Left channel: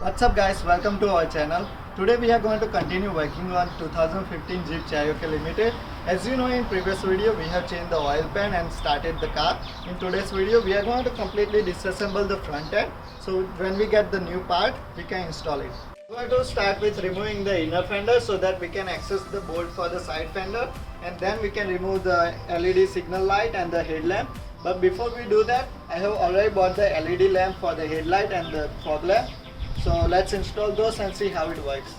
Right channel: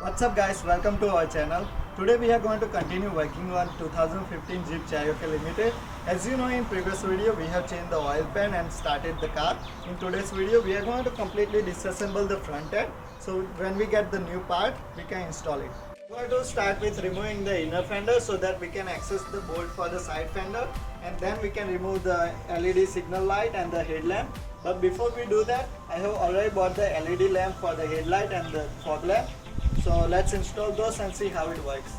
What's up guys, welcome to our channel. Today we are going to continue working on 2015 Jeep Cherokee Limited. As you know, in previous video we have changed the oil pan and started the car. In today's video we are going to completely disassemble the front end. So when we get the new part we can install it. We are going to start with removing the inner fender so that we can access the bolt for the side fender, and then we can remove the LED signal light and the headlamp. But before we do that, I have already bought the LED lamp for the headlight and the fog lamp. So let's install those and see how it works.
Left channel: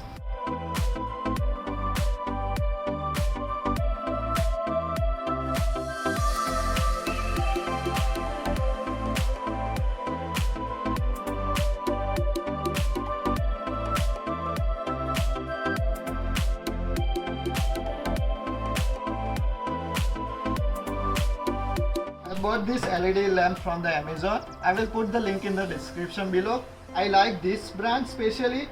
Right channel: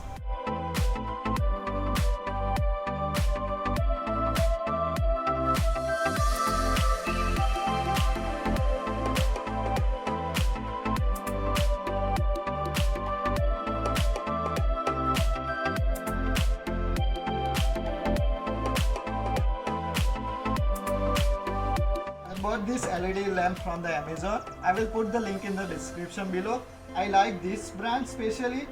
I bought this LED lamp from the Amazon. I will put the link in the description below. I like this brand especially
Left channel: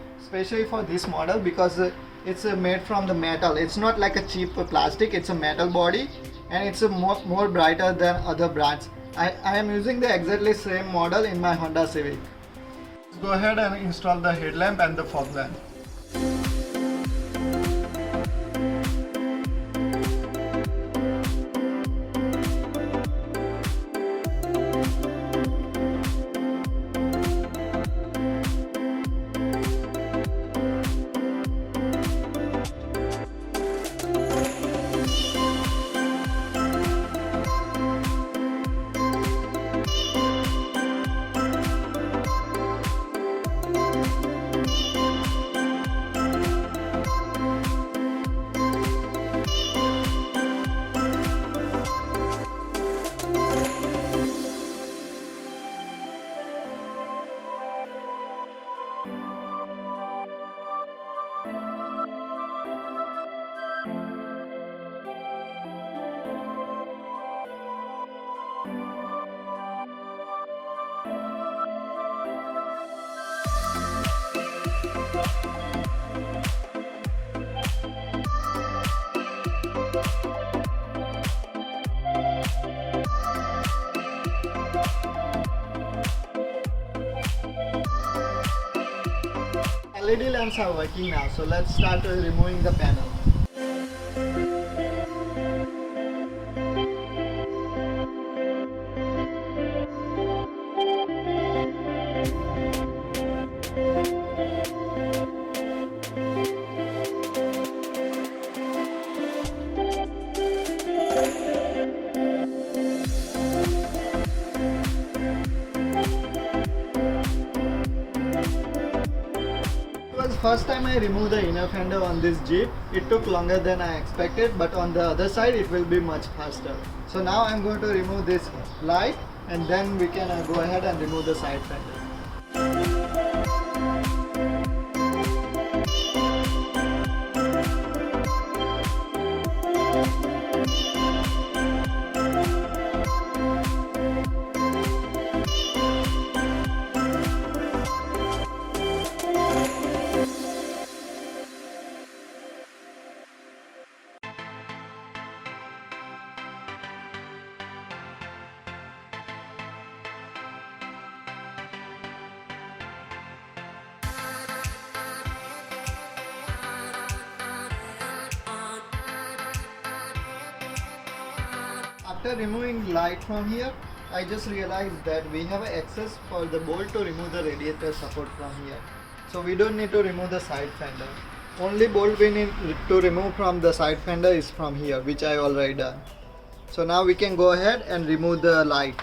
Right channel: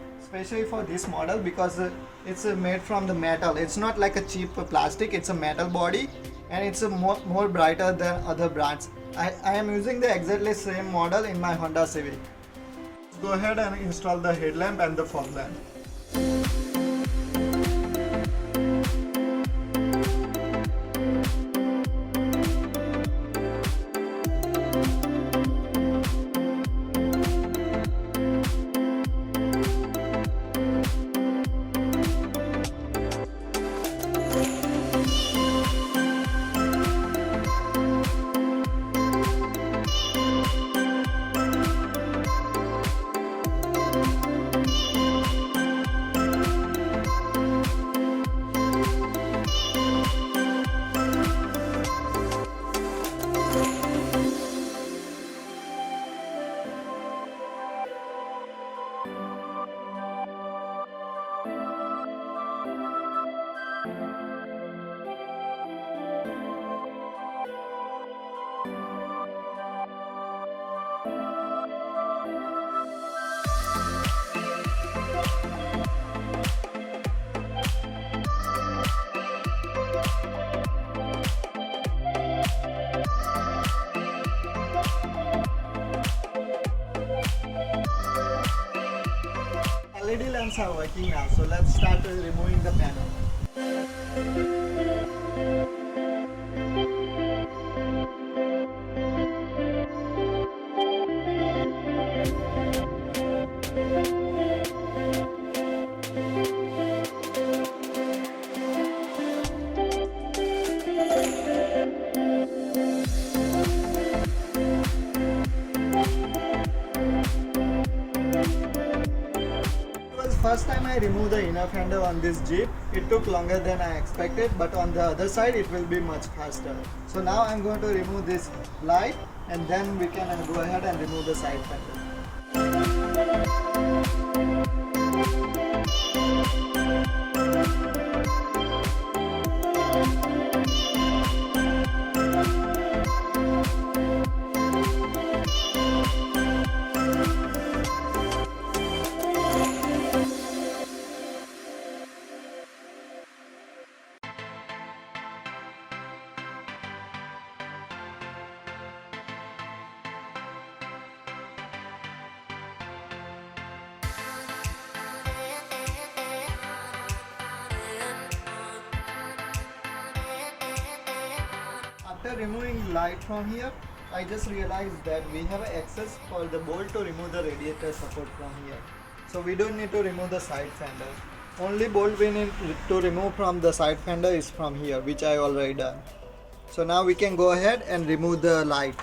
for this model because it's made from the metal. It's not like a cheap plastic, it's a metal body, and it's a more brighter than other brands. I am using the exactly same model in my Honda Civic. Let's go ahead and install the headlamp and the fog lamp. LED lamps are working now, so let's start removing the panel. First time I removed the inner fender on this Jeep, it took longer than I expected, but on the other side it will be much faster. So now I'm going to remove this light, and then we can go ahead and remove the side fender. After removing light from here, I just realized that we have access for the bolt to remove the radiator support from here. So we don't need to remove the side fender. Only bolt we need to remove from the side fender is from here, which I already done. So now we can go ahead and remove the light.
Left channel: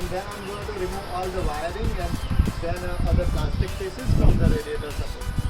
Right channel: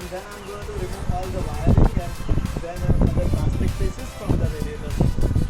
and then I'm going to remove all the wiring and then other plastic pieces from the radiator support.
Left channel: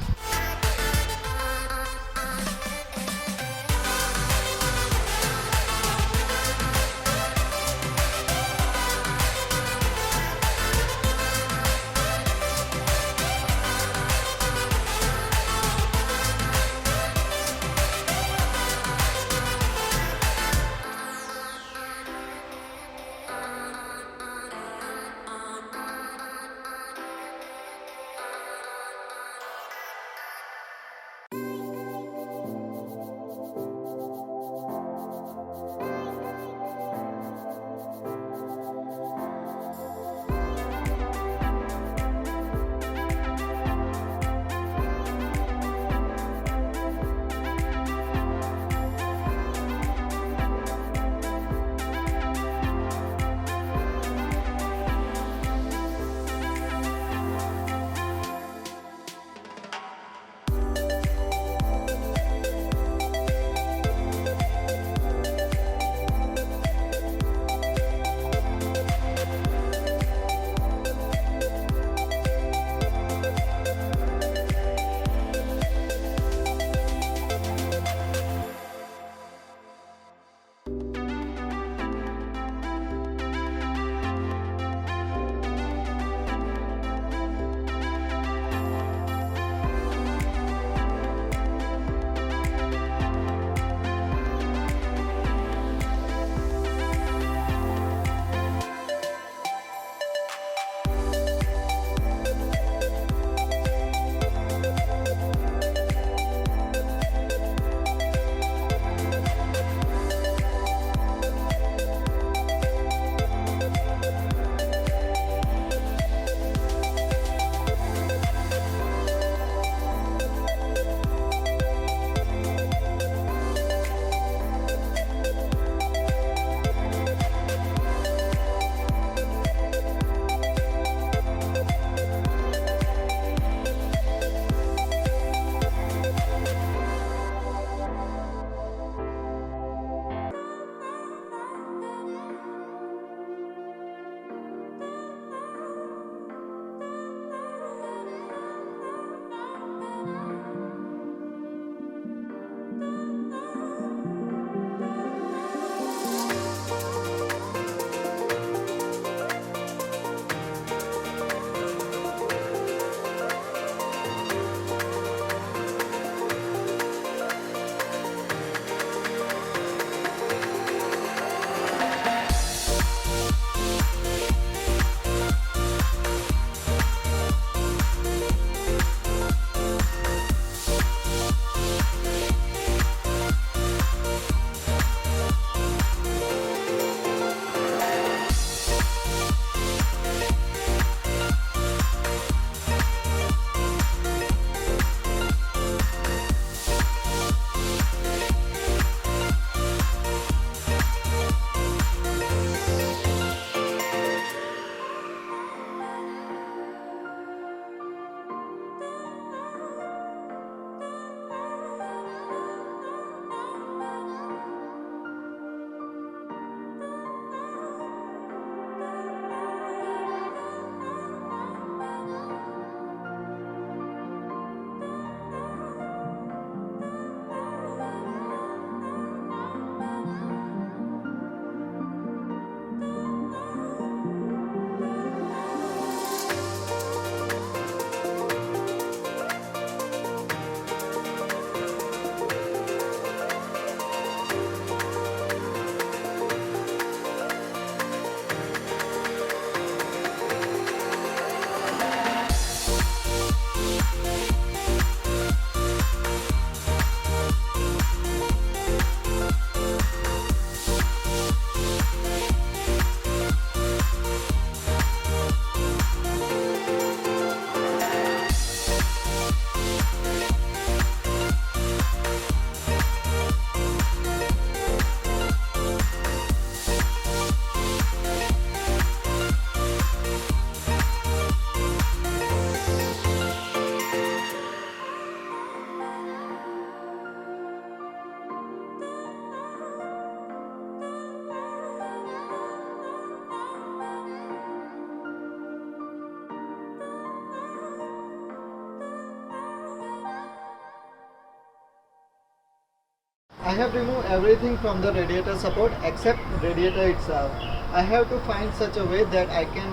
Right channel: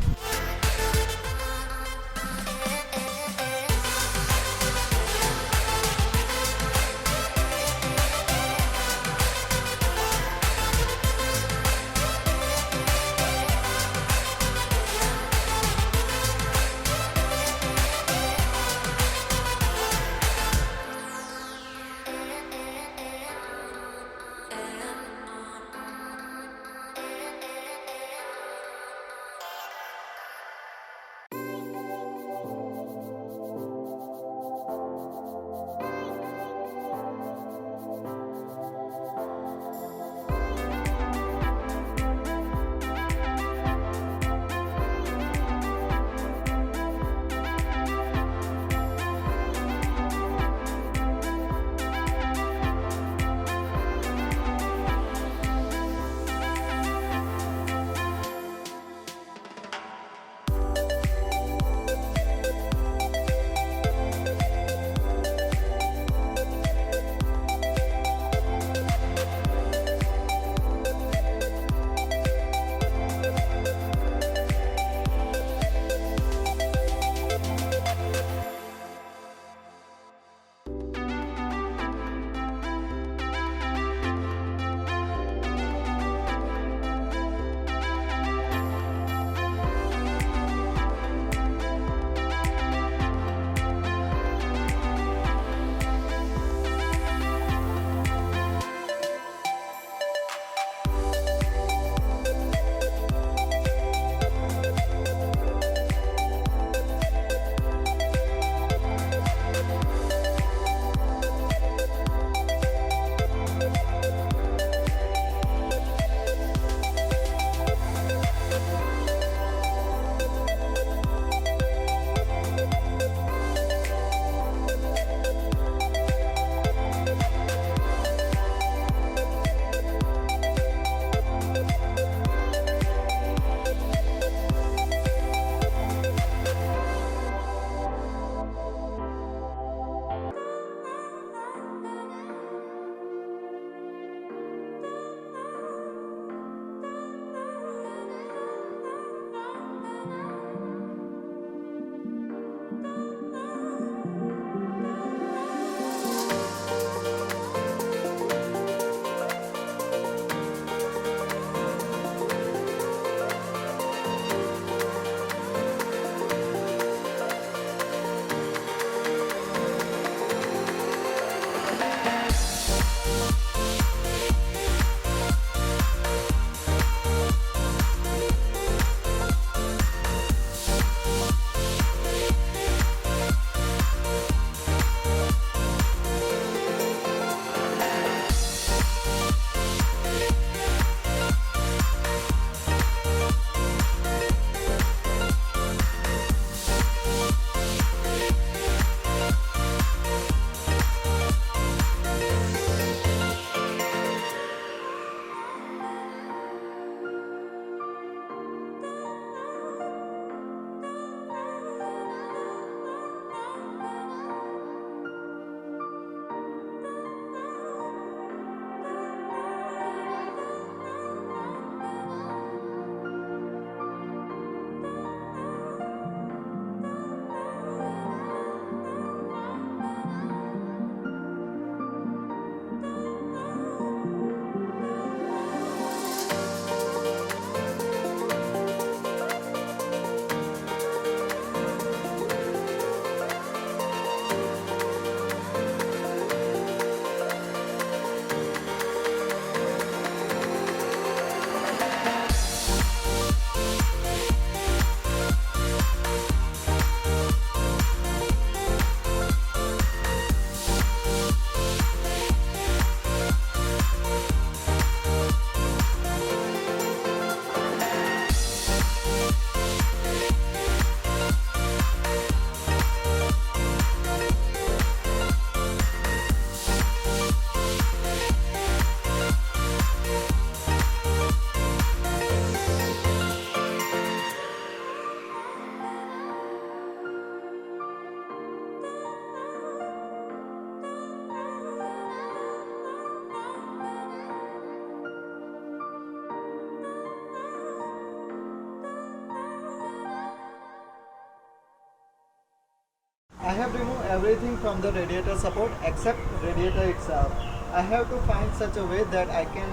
I have removed everything from the radiator support except radiator itself. I have to find such a way that I can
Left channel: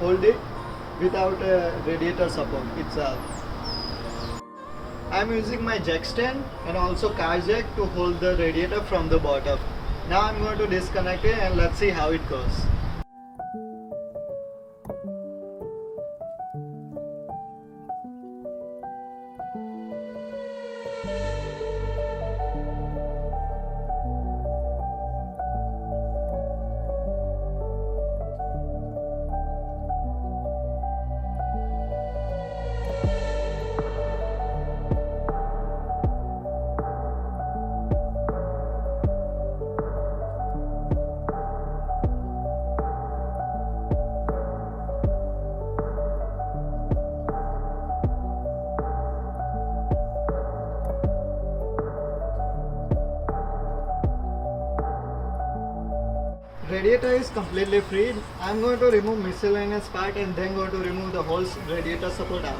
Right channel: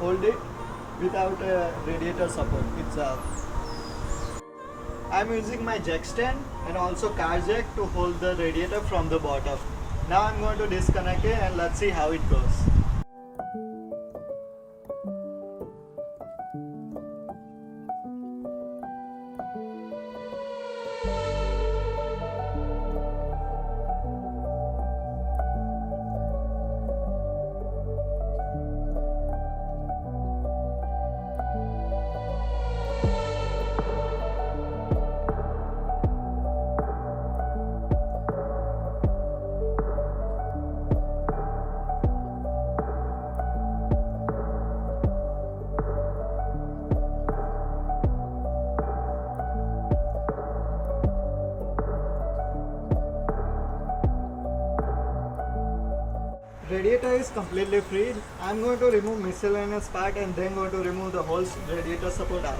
hold it without radiator support itself. I am using my jack stand and also car jack to hold the radiator from the bottom. Now I am going to disconnect it and let's see how it goes. Radiator is completely freed. I am going to remove miscellaneous part and then going to remove the whole radiator support out.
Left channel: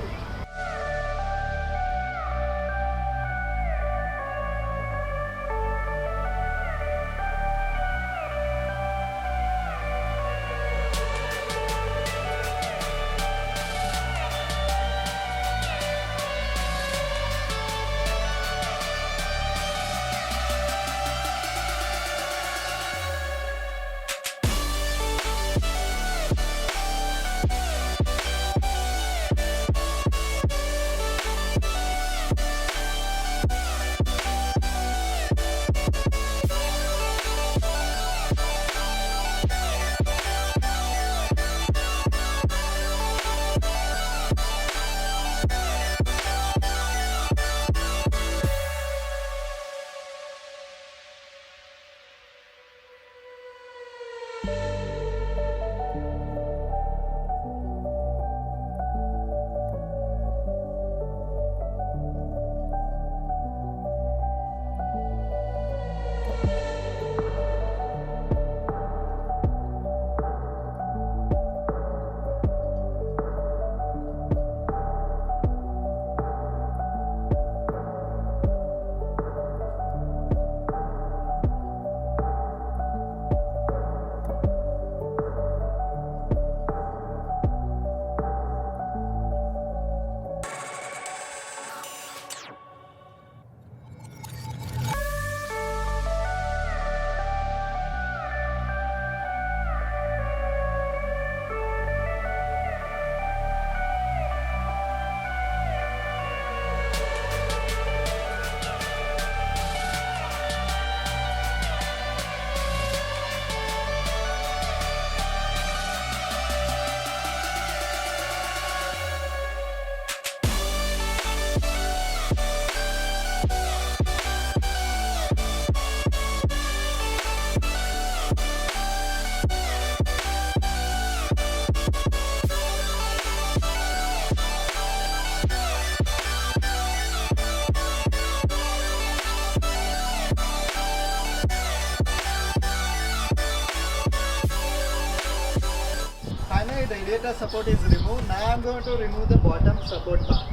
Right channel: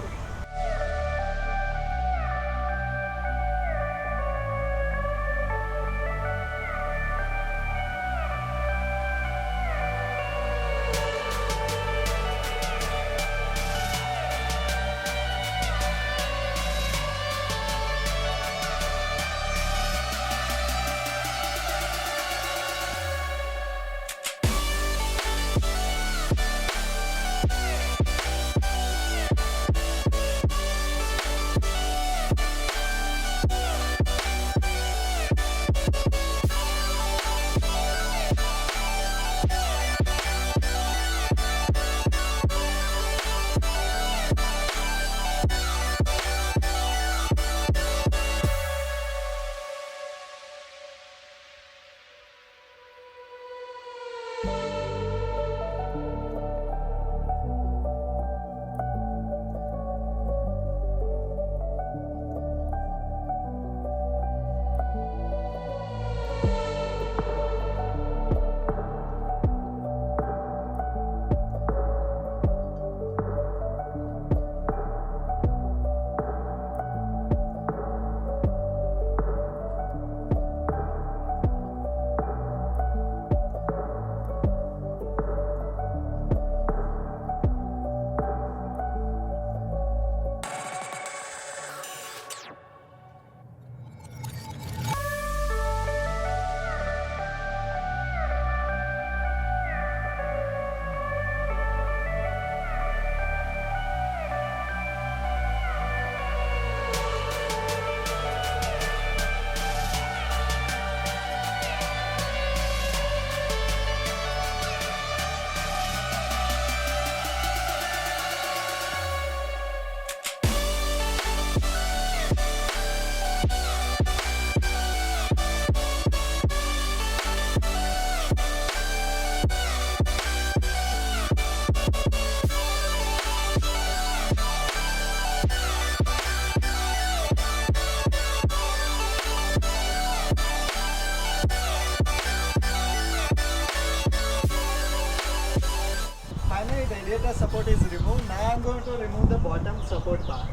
Finally, radiator support is removed. Now I am going to remove the bottom support part.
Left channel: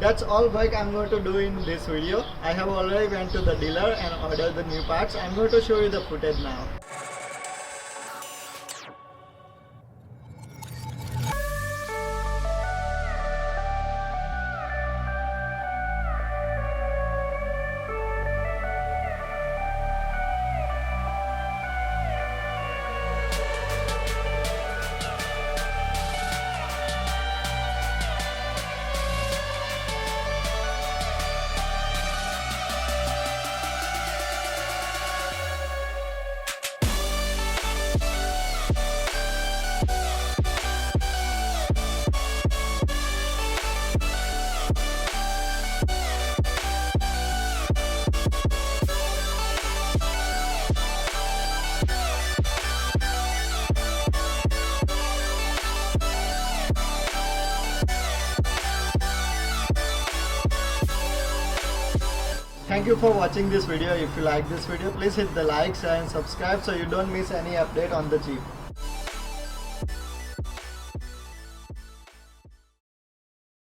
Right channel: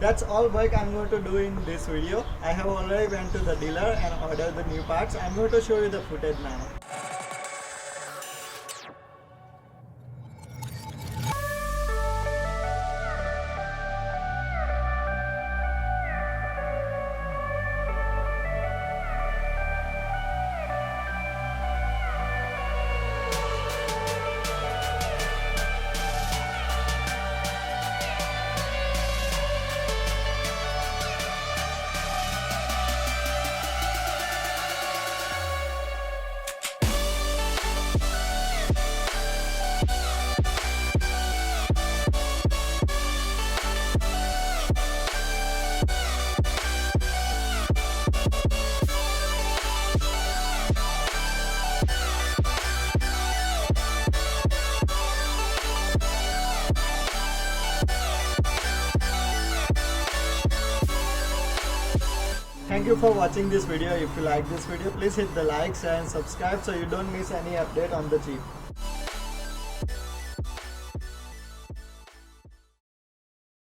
That's all work I'm going to do in this video. I have already went to the dealer and ordered the new parts. I'm going to show you the footage now. Thank you for watching this video. If you like this video, please hit the like, share and subscribe so you don't miss any update on the Jeep.